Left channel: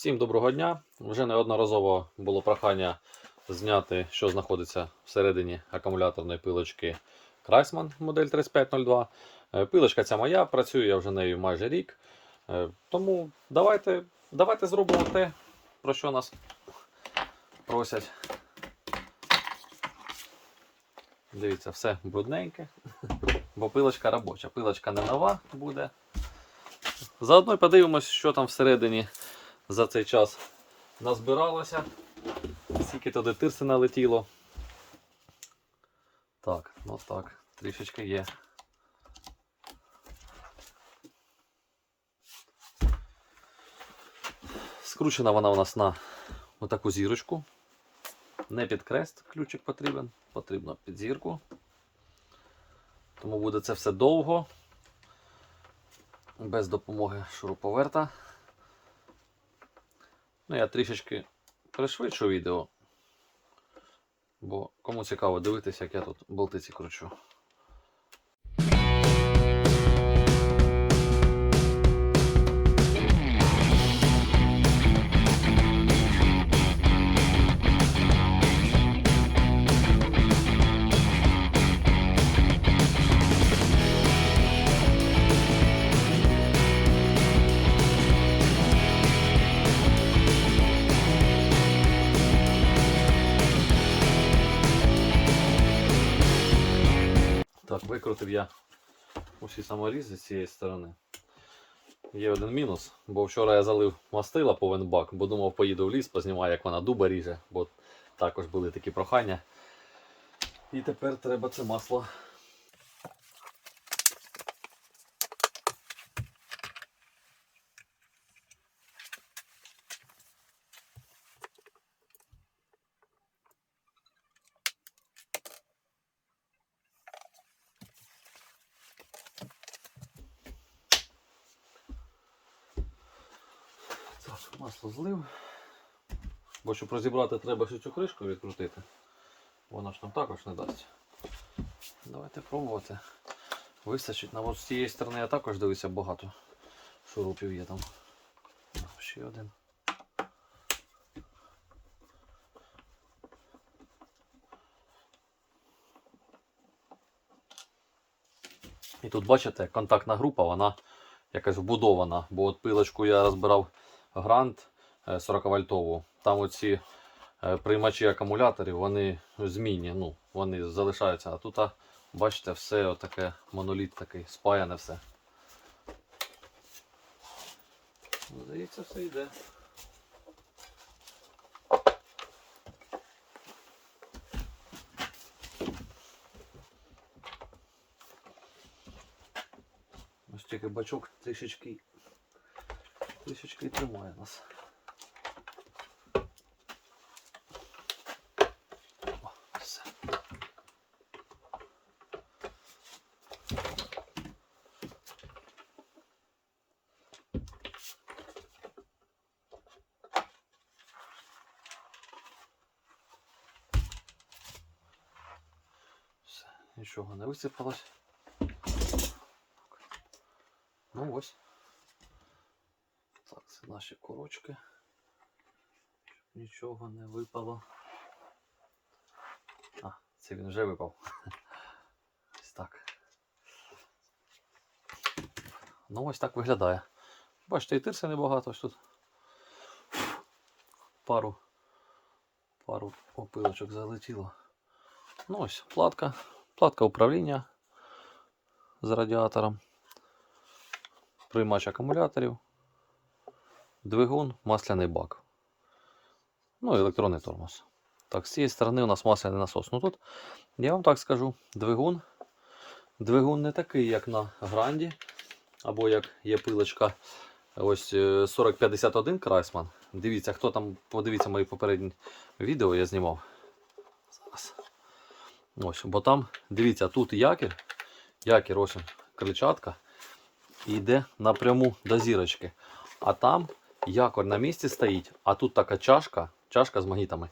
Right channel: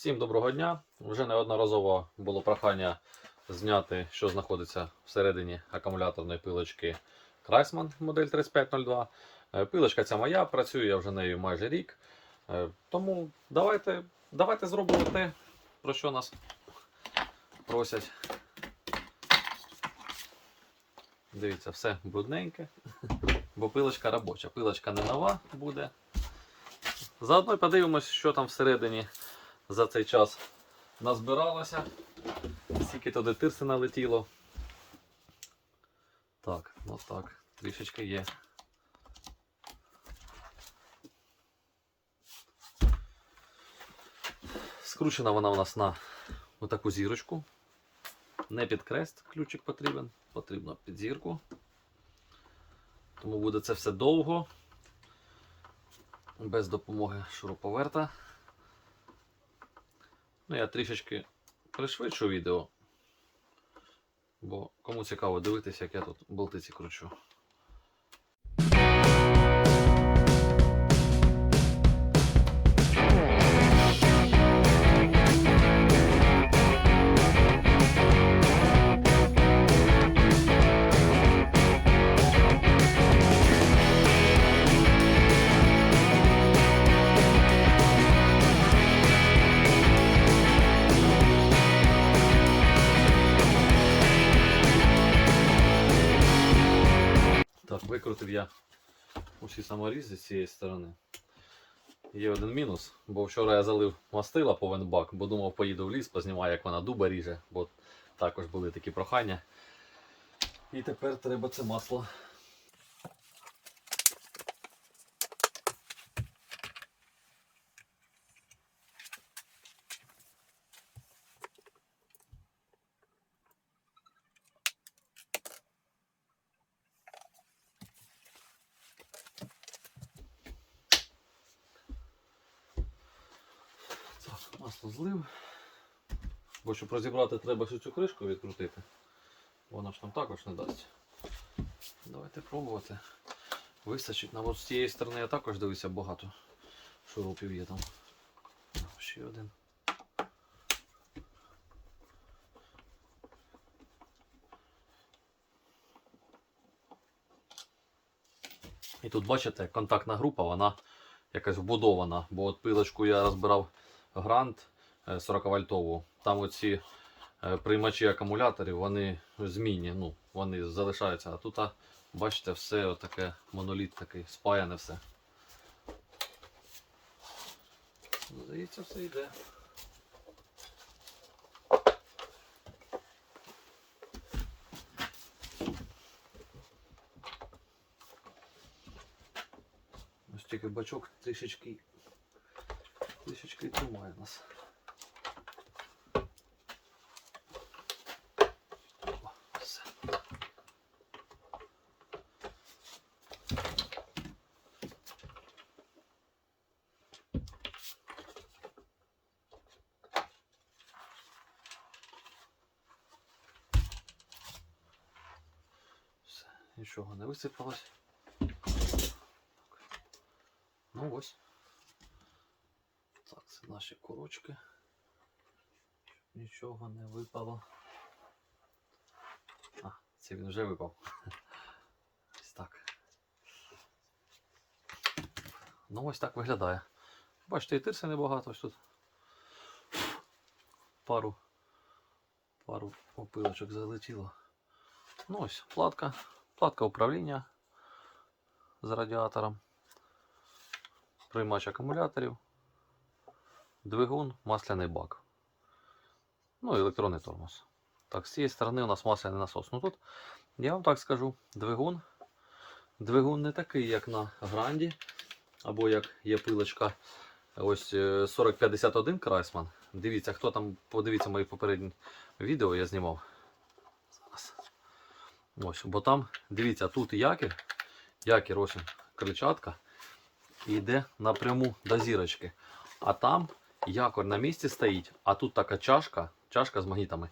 Всім доброго дня. Вже неодноразово було прохання зняти, що знаходиться всередині акумуляторної пилочки Крайсман модель 3502. Е, Пилочка ця моя, працюю я вже нею майже рік. Е, Тому давайте, давайте зробимо те, про що нас просять. Дивіться, все брудненьке, бо пилочка робоча. Пилочка не нова буде. Заодно подивимось, що там всередині за цей час назбиралося. Скільки туди тирси налетіло. Так, ну так, трішечки є. Скручена вона у нас на отаку зірочку. Не під крест ключик потрібен, потрібно під зірку. Тому буде це все довго, без допомоги шуруповерта. Ну, я трішечки пришвидшу відео, бо кому цікаво дивитися, як я тут болтиці кручу. Викрутив я усі саморізи з цієї сторони. Є один мінус, бо вчора я залив мастила повен бак, бо думав, поїду в ліс, познімаю, як вона дуба ріже, бо також були такі прохання. І тепер треба це масло. Так, масло злив. Бо щоб розібрати, треба ще цю кришку відкрутити. Вона ж нам також не дасть. Давайте пробувати. Вистачить. На з цієї сторони я також дивився багато шурупів є там. Ще один. І тут бачите, контактна група, вона якась вбудована, бо от пилочку я розбирав грант 40 вольтову. Там оці е, приймачі акумуляторів, вони змінні, ну, вони залишаються. А тут, бачите, все отаке моноліт такий, спаяне все. Здається, все йде. Ось тільки бачок трішечки трішечки тримає нас. Нічого не висипалось. Ну ось. Наші курочки. Щоб нічого не випало. А, це він вже випав. Ось так. Ну ось так виглядає. Бачите, і тирса небагато ось тут. Пару, пару опилочок залетіло. Ну ось, платка. Платка управління з радіатором. Приймач акумуляторів двигун, масляний бак. Ну і електронний тормоз. Так, з цієї сторони у нас масляний насос. Ну тут, я вам так скажу, двигун. Двигун не такий, як на гранді, або як є пилочка ось е, 4051 Крайсман. Дивіться, хто там, подивіться мої попередні відео, я знімав. Ось, бо там, дивіться, тут якір, якір, ось кричатка, і йде напряму до зірочки. А там якор на місці стоїть, а тут така чашка, чашка з магнітами.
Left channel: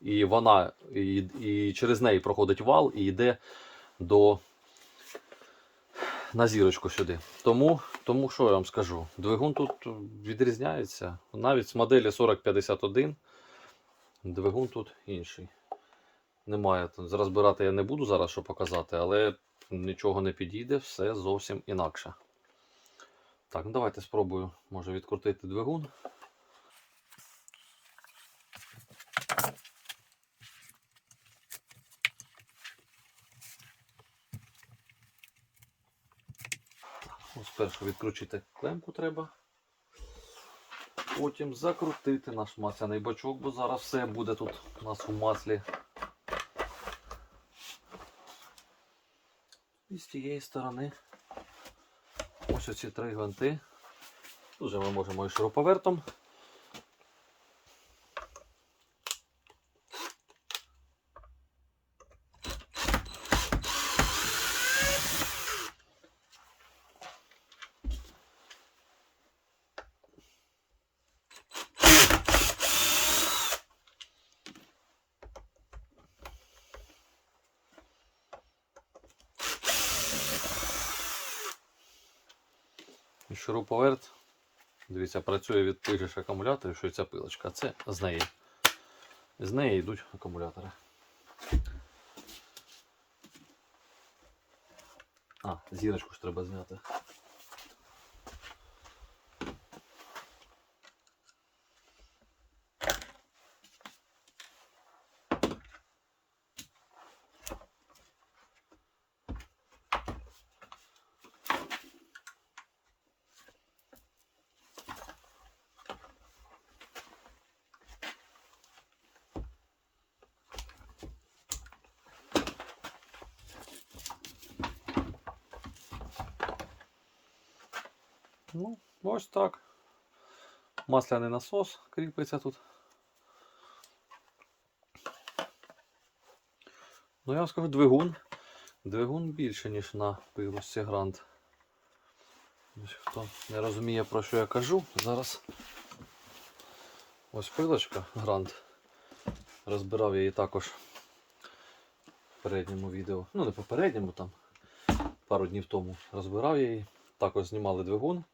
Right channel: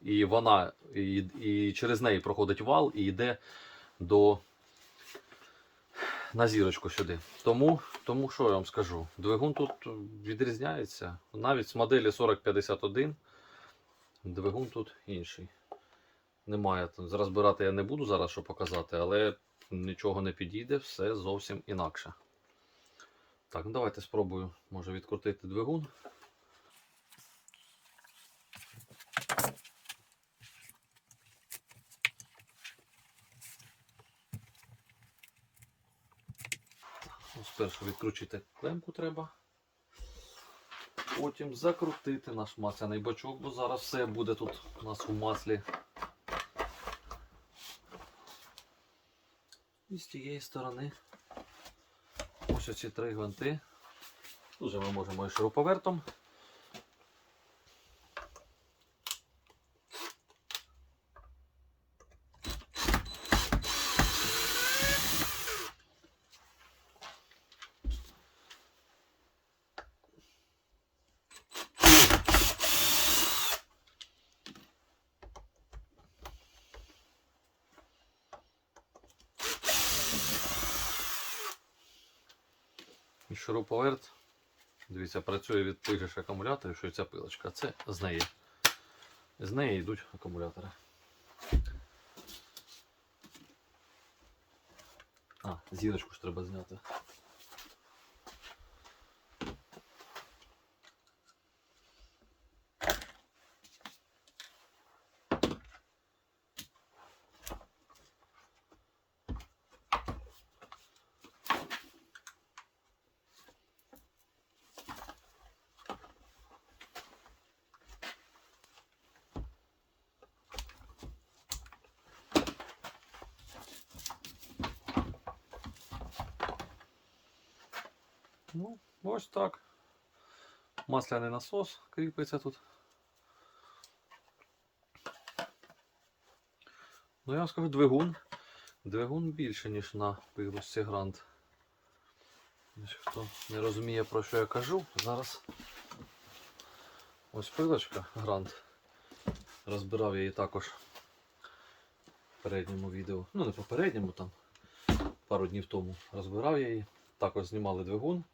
І вона і, і через неї проходить вал і йде до на зірочку сюди. Тому тому що я вам скажу, двигун тут відрізняється. Навіть з моделі 4051 двигун тут інший. Немає. Розбирати я не буду зараз, що показати, але нічого не підійде, все зовсім інакше. Так, ну давайте спробую, може відкрутити двигун. Ось спершу відкручити клемку треба. Потім закрутити наш масляний бачок, бо зараз все буде тут у нас у маслі. І з тієї сторони оці три гвинти. Тут же ми можемо і шуруповертом. Шуруповерт. Дивіться, працює від тих же акумуляторів, що ця пилочка. Це з неї. З неї йдуть акумулятори. А, зірочку ж треба зняти. Ну, ось так. Масляний насос кріпиться тут. Ну, я вам скажу, двигун. Двигун більше, ніж на пилосці Грант. Хто не розуміє, про що я кажу, зараз ось пилочка Грант. Розбирав я її також в передньому відео. Ну, не попередньому, там пару днів тому розбирав я її. Також знімали двигун.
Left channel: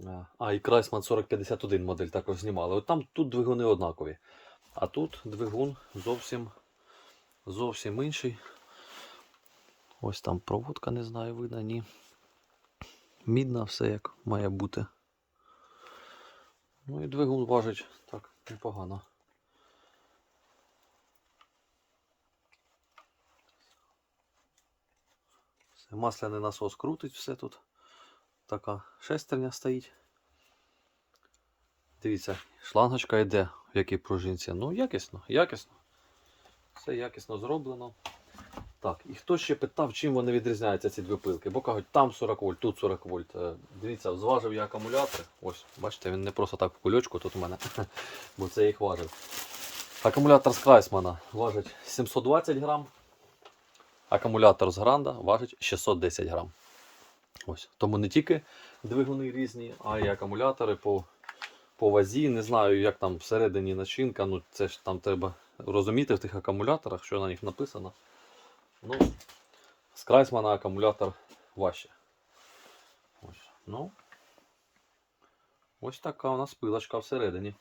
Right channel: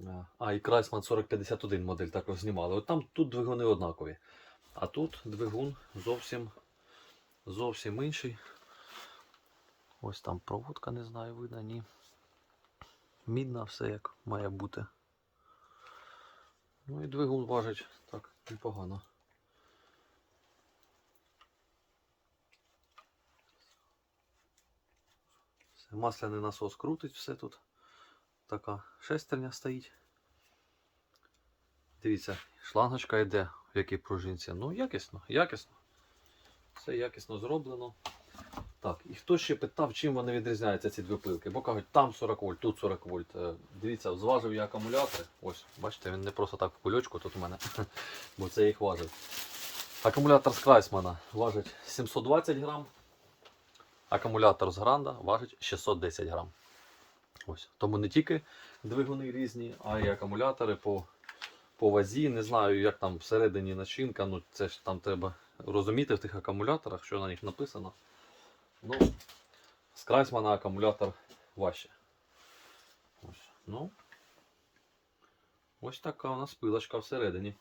Е, А, і Крайсман 4051 модель також знімали. От там тут двигуни однакові. А тут двигун зовсім зовсім інший. Ось там проводка, не знаю, видно, ні. Мідна, все як має бути. Ну і двигун важить так непогано. Масляний насос крутить все тут. Така шестерня стоїть. Дивіться, шлангочка йде в якій пружинці. Ну, якісно, якісно. Все якісно зроблено. Так, і хто ще питав, чим вони відрізняються, ці дві пилки? Бо кажуть, там 40 вольт, тут 40 вольт. Е, Дивіться, зважив я акумулятори. Ось, бачите, він не просто так в кульочку тут у мене, бо це їх важив. Акумулятор з Крайсмана важить 720 грам. Акумулятор з Гранда важить 610 грам. Ось. Тому не тільки двигуни різні, а й акумулятори по, по вазі. Не знаю, як там всередині начинка. Ну, це ж там треба розуміти в тих акумуляторах, що на них написано. Ну, з Крайсмана акумулятор важче. Ось. Ну, ось така у нас пилочка всередині.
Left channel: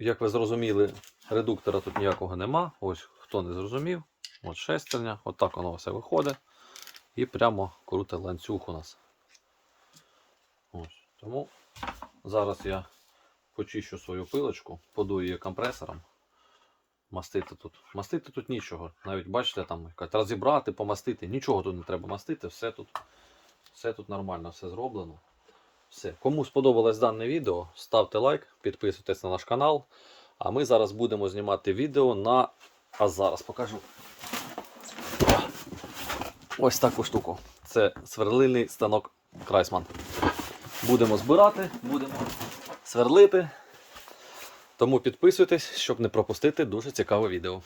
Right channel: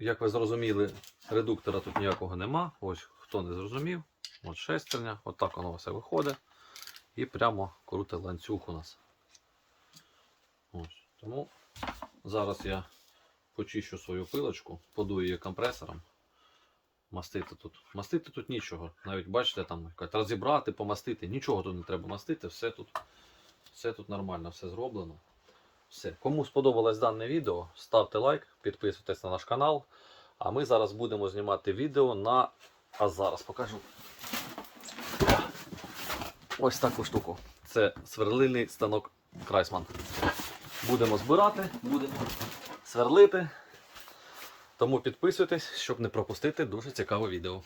Як ви зрозуміли, редуктора тут ніякого нема. Ось хто не зрозумів. От шестерня, от воно все виходить. І прямо круте ланцюг у нас. Тому зараз я почищу свою пилочку, подую її компресором. Мастити тут. Мастити тут нічого. Навіть бачите, там розібрати, помастити. Нічого тут не треба мастити, все тут, все тут нормально, все зроблено. Все. Кому сподобалось дане відео, ставте лайк, підписуйтесь на наш канал. А ми зараз будемо знімати відео на. А зараз покажу. Ось таку штуку. Це сверлильний станок Крайсман. Будемо збирати, будемо сверлити. Тому підписуйтесь, щоб не пропустити дуже цікаве відео.